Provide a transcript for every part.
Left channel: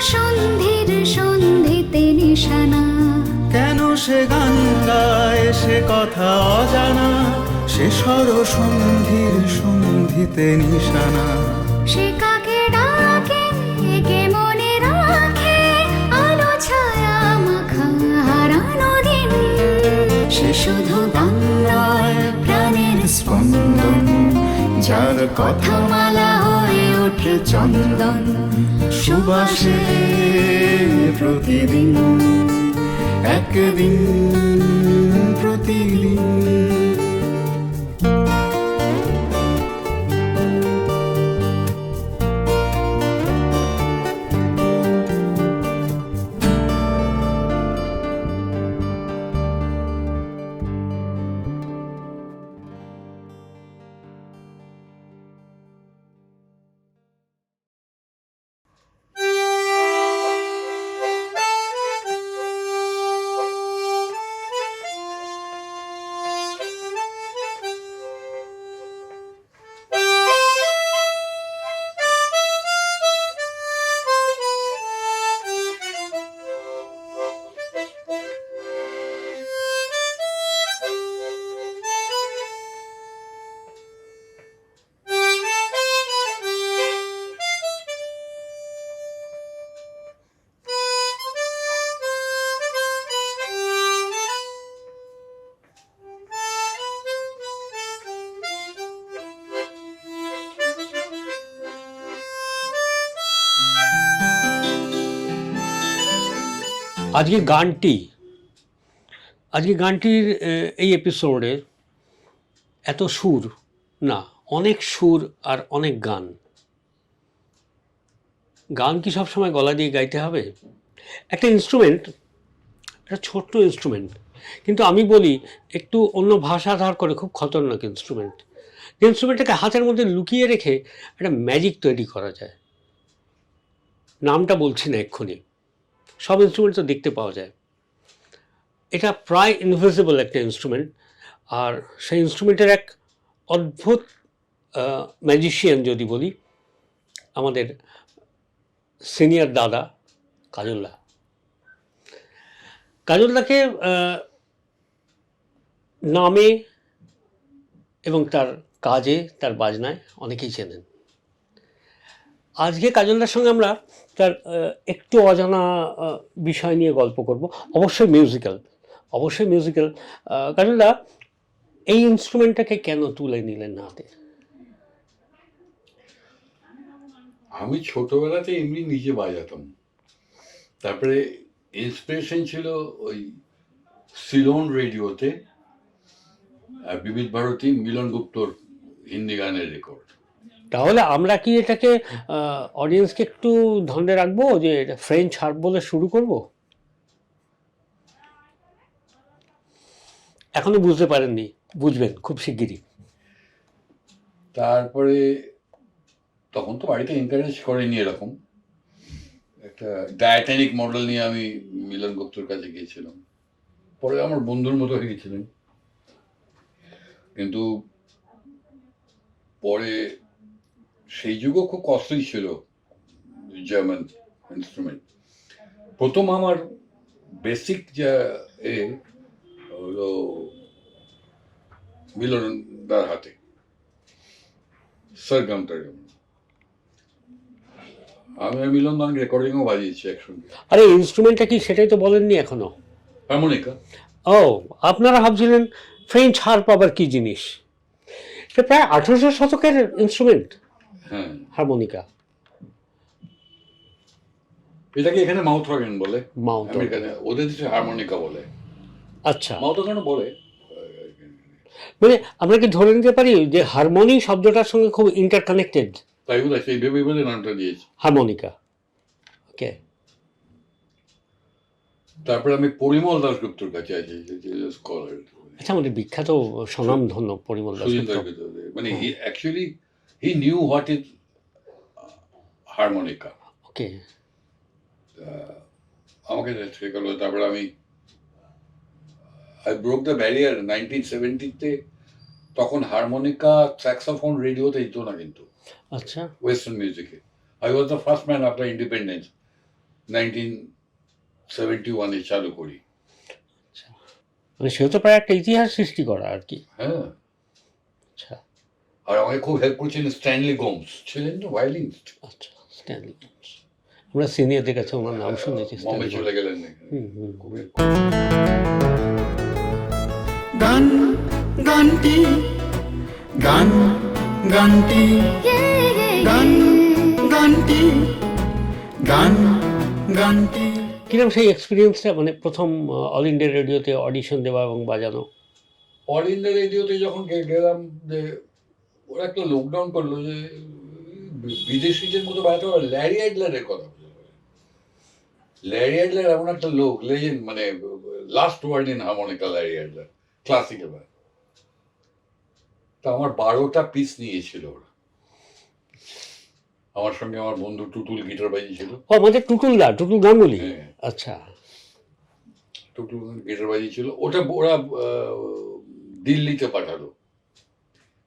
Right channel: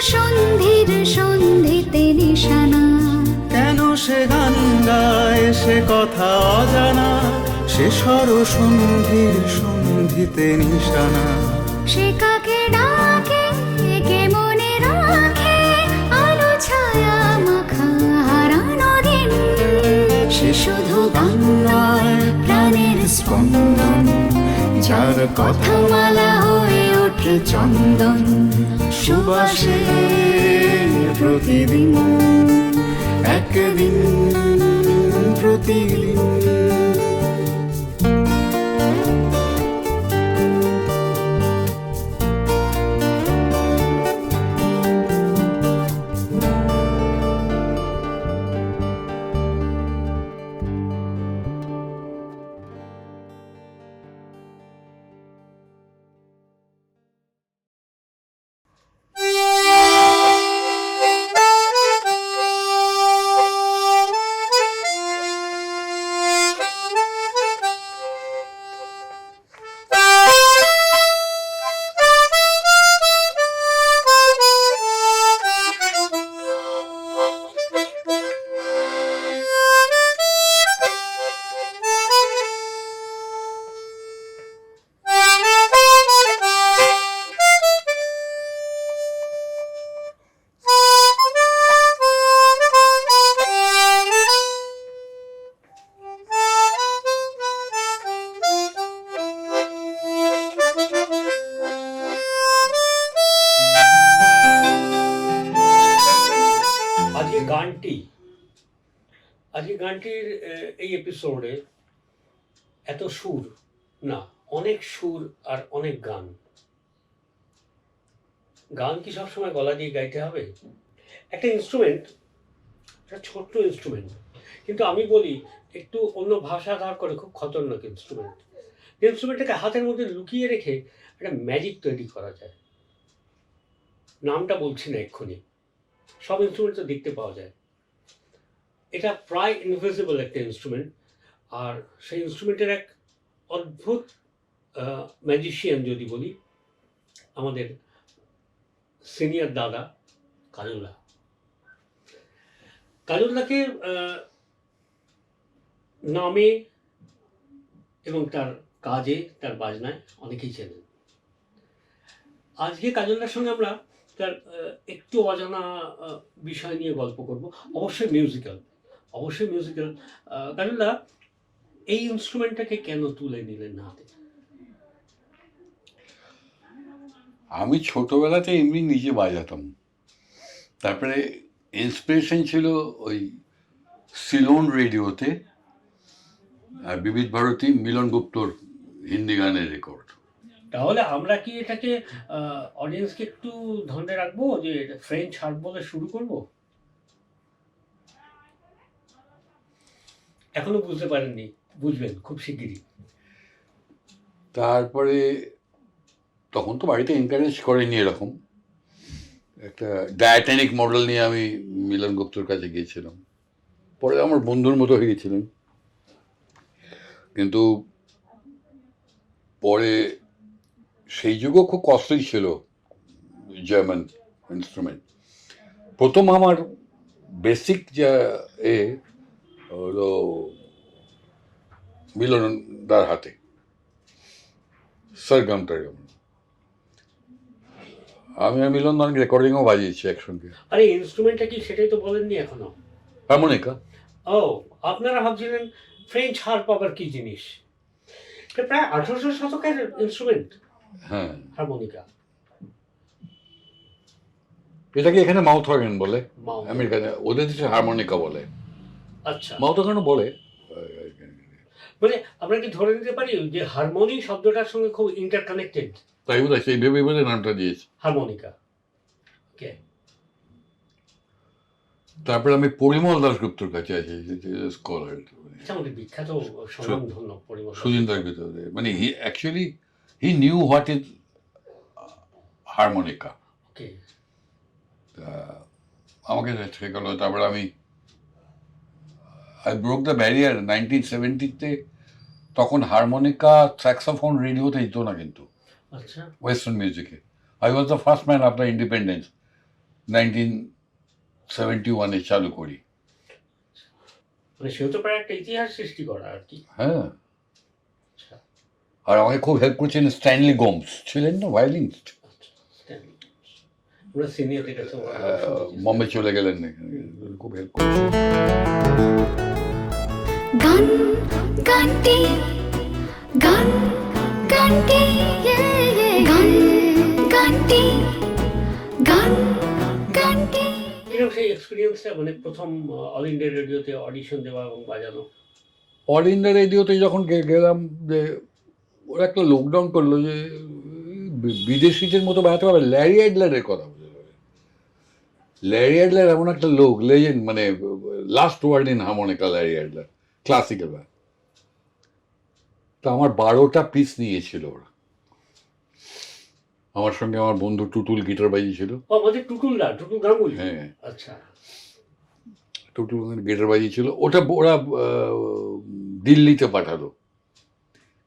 সন্ধির সন্ধিতে নিশানা। কেন সে গান গায়, সে কথা অজানা? সে সর সন্ধির সন্ধিতে নিশানা। সে শুধু নয় প্রাণের স্পন্দন, যার কথা মালা হয়ে ওঠে চন্দন। সুবাসে প্রতিদিন, একদিন প্রতিদিন। আজকে গানটি, আজকে গানটির এই এপিসোডে এত সুর, না, অনেক সুর আর অনেক গান। গান কি সবসময় গলা দিয়ে গাইতে হবে? একটা ইনস্ট্রুমেন্ট একটা ছোট্ট ইনস্ট্রুমেন্ট কিন্তু আমি বলি একটু অন্য ভাষা ধার করে খুব খতরনাক ইনস্ট্রুমেন্ট ইনস্ট্রুমেন্টটাকে হাতের মধ্যে লুকিয়ে রেখে একটা ম্যাজিক তৈরি করা যায়। নামটা বলছি না এক্ষুনি। সব ইনস্ট্রুমেন্ট তো দেখতে পাওয়া যায়। এটা প্রায় ইনভিজিবল একটা ইনস্ট্রুমেন্ট আর সেই ইনস্ট্রুমেন্টের এক অদ্ভুত ম্যাজিশিয়ান যদি বলি আমাদের সিনিয়র দাদা কাজলদাকে আহ, নামে এবং তার কাজে তার বাজনায় অনেকেই চেনেন। আজকে কাজলদার সঙ্গে আমরা তার একটু অজানা বিষয় নিয়ে গল্প করব। অবশ্যই মিউজিক্যাল অবশ্যই মিউজিক্যাল কাজলদা এই ইনস্ট্রুমেন্টটাকে কেন তুলে নিলেন হাতে? আমি ছোটবেলাতে এমনি নিজে বাজাতাম। তারপরে ইন্সপিরেশন ছিল ওই সিলোন রেডিওতে বিবিধ ভারতী মিলন গুপ্তর হিন্দি গানের রেকর্ড তাহলে আমরা কি এটাকে অডিয়েন্সকে একটু ধরে রাখব যে এটা ফ্রেঞ্চ হার্প বলে শুরু করব? এখনও বুঝতে পারেননি, বুঝবেন খুব শিগগিরই। তারপরে তখন তো বাড়িতে এনকারেজ করেনি এরকম। একটা ডায়াটেনিক মডেল নিয়ে আমি মিলন গুপ্তর কাছে গিয়েছিলাম। পরে আমার বন্ধুর মতো হয়ে গেছিলেন কিন্তু পরে সেই যুগও খুব কষ্টই ছিল জার্মান ইনস্ট্রুমেন্ট প্রথম আমার বেসিক যা এ হলো মিলনদার হাতে সরগম টরগম আমি আর মিলন অনেক রেকর্ডিংও বাজিয়েছি একসঙ্গে। আরে ইনস্ট্রুমেন্টটা কি সেটাই তো বলেননি এখনও? হারমোনিকা। ও আপনারা ভাবছিলেন ফ্রেঞ্চ হার্প আবার কি জিনিস? এটা প্রায় আঠারোশো শতকের ইনস্ট্রুমেন্ট হ্যাঁ। হারমোনিকা। এটাকে এখানে মাউথ অর্গান বলে মাউথ আমেরিকানে ওদের দেশে হারমোনিকা বলে। আচ্ছা। মাউথ অর্গানও বলে। মানে আমরা কি ধরে নিতে পারি যে হারমোনি শব্দটার সঙ্গে খুব ইন্টারকানেক্টেড তাই বোধ সেই ভেবে বোধ নামটা দিয়েছে। হারমোনিকা। ওকে। তারপরে আমি পরিমল দাসগুপ্তর কাছে আছি স্কলার আচ্ছা আমাদের বিখ্যাত স্বনামধন্য পরিমল দাস সুজিন গুপ্ত। মানে actually he knew what is harmonica okay আমাকে শেখালো তারপরে আমি I broke the barrier nineteen সেভেন্টিতে তখন হারমোনিকা স্যাক্সোফোন রেডিওতে দিত না কিন্তু। আচ্ছা। ওয়েস্টার্ন মিউজিকে I was the first man after independence nineteen seventy ওয়ানে চালু করি। মানে সেও তো প্রায় একটা ইতিহাস সৃষ্টি করা আর কি। হ্যাঁ। আচ্ছা। আর আমাকে খুব হেল্প করছিলেন স্ট্যানলি গোমস ছিলেন না? ভায়োলিনিস্ট আচ্ছা স্ট্যানলি আমরা সিনিয়রদের কাছে ওনার নাম শুনেছি বম্বে চলে গেলেন খুব হেল্প গান গানটি গান গানটি ইয়ে ইয়ে ইয়ে গানটি গান গানটি কীরকম সেই এক্সপিরিয়েন্সটা মানে প্রথম অল ইন্ডিয়া রেডিওতে অডিশন দেওয়া এবং বাজানো? অল ইন্ডিয়া রেডিওতে যখন গে- গেলাম যে ওরা একটা লকডাউন করল যে বিদেশিদের মতো বাজাতে পারবে। ল্যারি অ্যাডলারের কথা। ল্যারি অ্যাডলার এমন একটা লোক লেজেন্ড মানে last word in harmonica Larry Adler classical তা আমার বারোটা পিস নিয়েছিল ওরা। আমার সঙ্গে আমার বন্ধু টুটুল গিটার বাজিয়েছিল ও আমাদের টুটুল দা টুটুল গাঙ্গুলি? হ্যাঁ। আচ্ছা। টুটুল গিটার বাজিয়েছিল ওটা ওরা দিল্লিতে পাঠালো।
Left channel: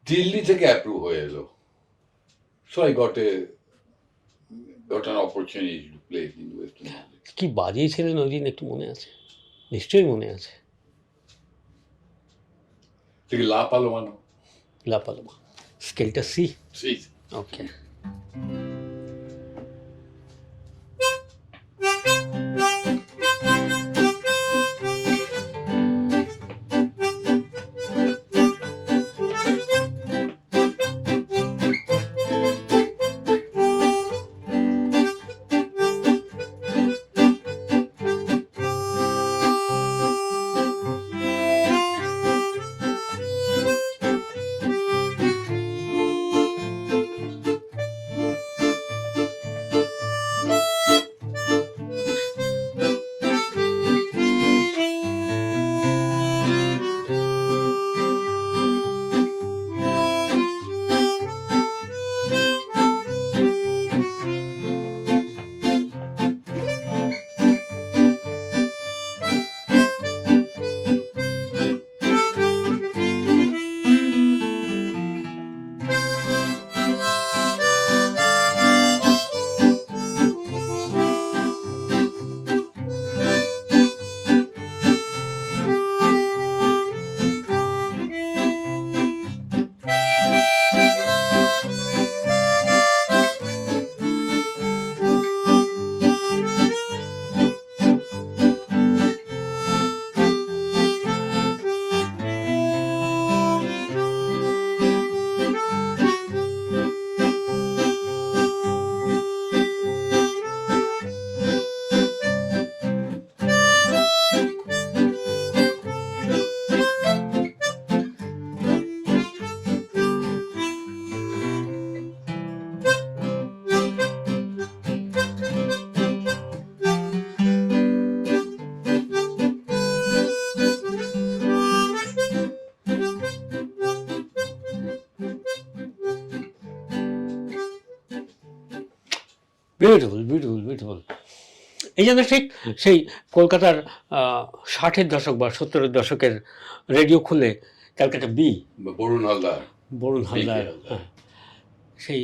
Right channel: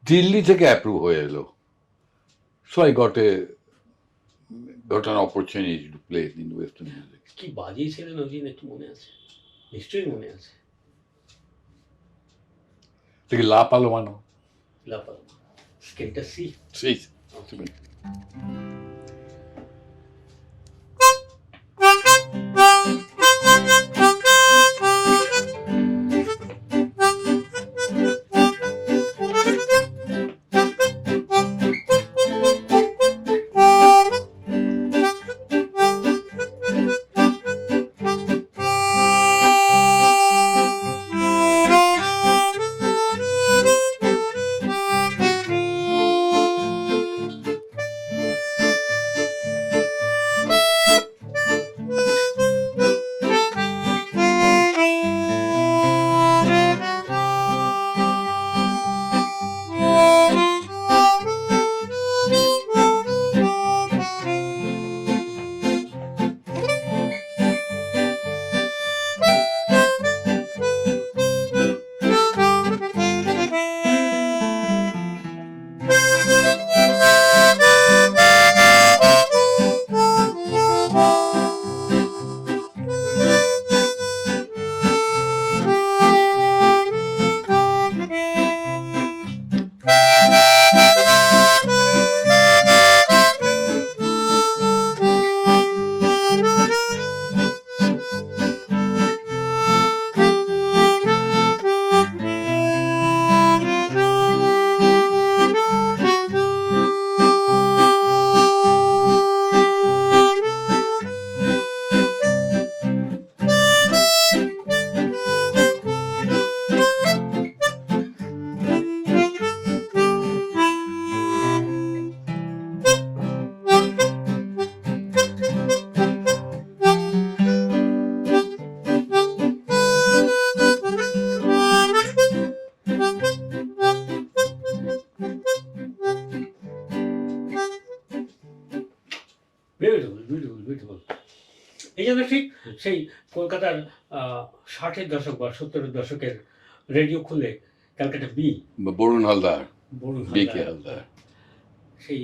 দিল্লি থেকে অ্যাপ্রুভ হয়ে এলো so I got a got an opportunity to play in western music কি বাজিয়েছিলেন ওই দিন একটু মনে আছে নিশ্চয়ই মনে আছে থেকে লা পালোমানো লাপালমা স্কেলটা সি সেই ওকে এই জন্য ঠিক সেই কলকাতার ষাটের দশক বা সত্তরের দশকের রেডিও খুলে ক্যালকাটা বি। বরুণ হালদার। বরুণ হালদার। সেই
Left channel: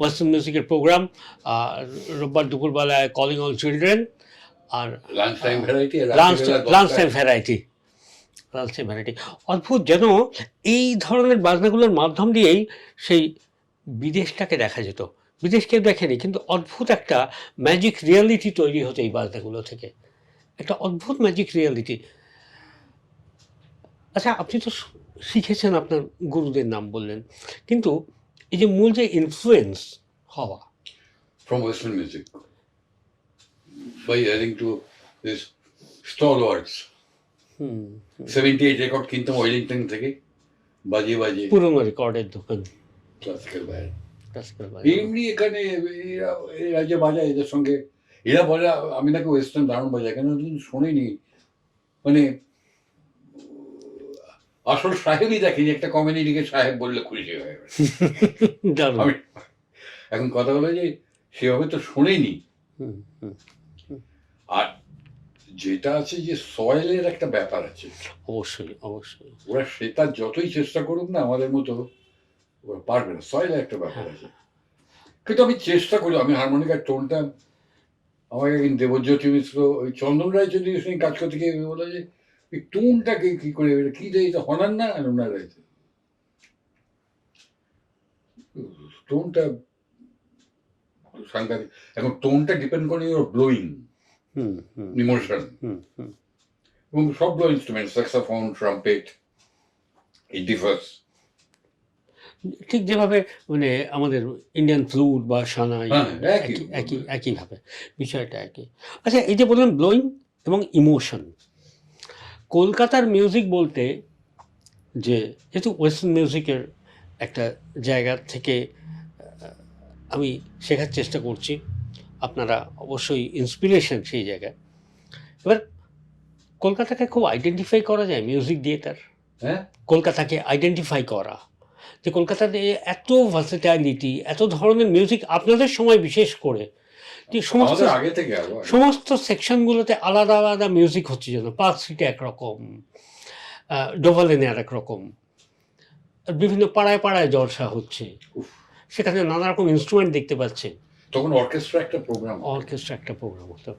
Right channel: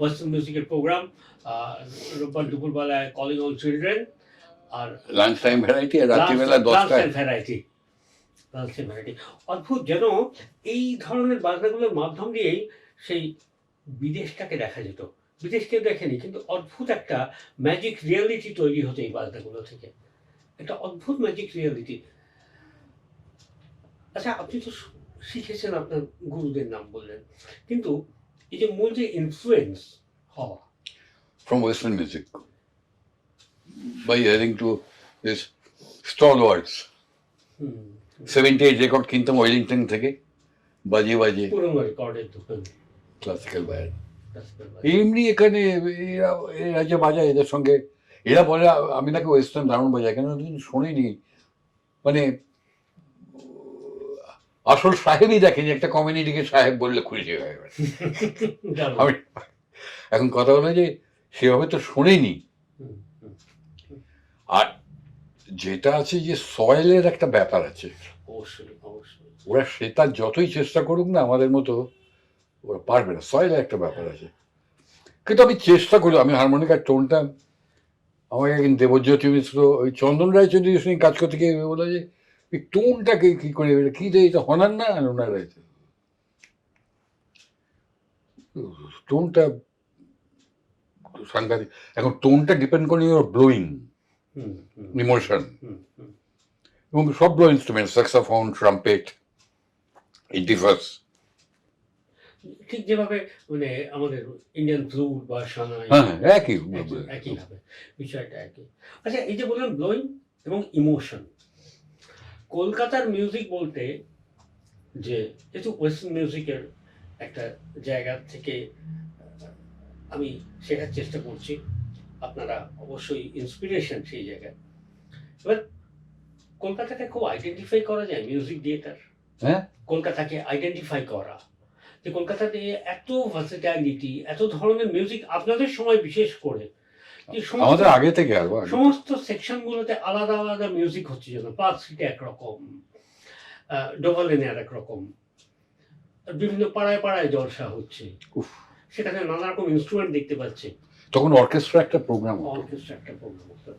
ওয়েস্টার্ন মিউজিকের প্রোগ্রাম রোববার দুপুরবেলায় কলিং অল চিলড্রেন আর lunch time variety lunch time variety lunch time variety অদ্ভুত যেন এই ধরনের বাজনাগুলোর মাধ্যম দিয়েই সেই বিদেশটাকে দেখা যেত। বিদেশ কেউ দেখেনি কিন্তু অদ্ভুত একটা ম্যাজিক রিয়ালিটি তৈরি হতো এই বাজনাগুলো থেকে। একটা অদ্ভুত ম্যাজিক রিয়ালিটি আচ্ছা আপনি তো শিখেছেন আপনার গুরুদের নাম বললেন কিন্তু এই যে মূল যে ইনফ্লুয়েন্স হওয়া। From Western music by to to this stalwarts. Hmm 78 record কিনতাম ওয়েলিংটন থেকে বাজিয়ে বাজিয়ে। পুরোনো রেকর্ডের দোকান। ক্লাসিক্যাল বাজনা। এমনি এখানে এরা এরা যে বাজায় এদের সঙ্গে এরা বলে আমি নাকি ওয়েস্টার্ন দারুণ বাজাই কেন শুনিনি? মানে আসল সাহেবই দেখেনি একটা কমিউনিটিকে সাহেব বললে খুশি হয়ে আমি এখন কথা হলো যে সেভাবে তো শোনেনি। আর যেটা আছে যে সয়েলের একটা ব্যাপার আছে। অবশ্যই অবশ্যই। ওরা সেটা যতই চেষ্টা করুক না আমাদের মতো ওরা পারবে না সয়েলের একটা ব্যাপার আছে। কিন্তু আমি চেষ্টা করি আমি হারমোনিকার টোনটা আমাকে একদিন দেবজ্যোতি মিশ্র ওই চন্দন রায়চৌধুরীর সঙ্গে কাজ করতে গিয়ে বলো যে ওই টোনটাকে কি করে কি যে এটা হনার না হনার রাইতে টোনটা সাংঘাতিক। এখন টোনটা ডিপেন্ড করে your blowing emotion hmm hmm এবং সবগুলো ইনস্ট্রুমেন্ট স্যাক্সাফোন ট্রাম্পেট এই ডিফার্স ঠিক যেভাবে মানে আমাদের ইন্ডিয়ান ফ্লুট বা সানাই হ্যাঁ, একই। একই একইভাবে বিষয়টা একই। আচ্ছা এই যে বললাম ব্লোয়িং এবং ইমোশন কলকাতার মিউজিক বলতে যে যেহেতু ওয়েস্টার্ন মিউজিকের একটা জায়গা থেকে আমি শেখার চেষ্টা করছি আপনারা অবশ্যই ইন্সপিরেশন সেই জায়গায়। এবার কলকাতাকে খুব আইডেন্টিফাই করা যায় মিউজিক দিয়ে তার হ্যাঁ। কলকাতাকে আইডেন্টিফাই করা। যে কলকাতাতে এত ভার্সেটাইলিটি এত ধরনের মিউজিক আপনাদের সময় বিশেষ করে। সমস্ত আগে থেকে সমস্ত সেকশনগুলোতে আলাদা আলাদা মিউজিক হচ্ছে যেন। পার্ক স্ট্রিটে একরকম ডোভালেনে আর রকম। বিভিন্ন পাড়ায় পাড়ায় জলসা হচ্ছে। সেখানে নানা রকম ইনস্ট্রুমেন্ট দেখতে পাচ্ছে তখন অর্কেস্ট্রা একটা প্রোগ্রাম অর্কেস্ট্রা একটা প্রোগ্রাম হতো।